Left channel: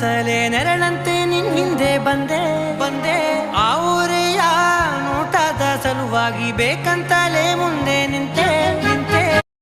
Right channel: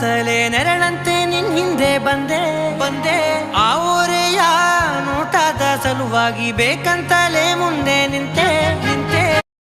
ಅಂತಲೇ ನೆರಳಂತೆ ನಿನ್ ಹಿಂದೆ ಬಂದೆ ಆ ಊರೆಯ ನೋಟದ ಸಲುವಾಗಿ ಬೇಕಂತಲೇ ಮುಂದೆ ನಿಂತೆ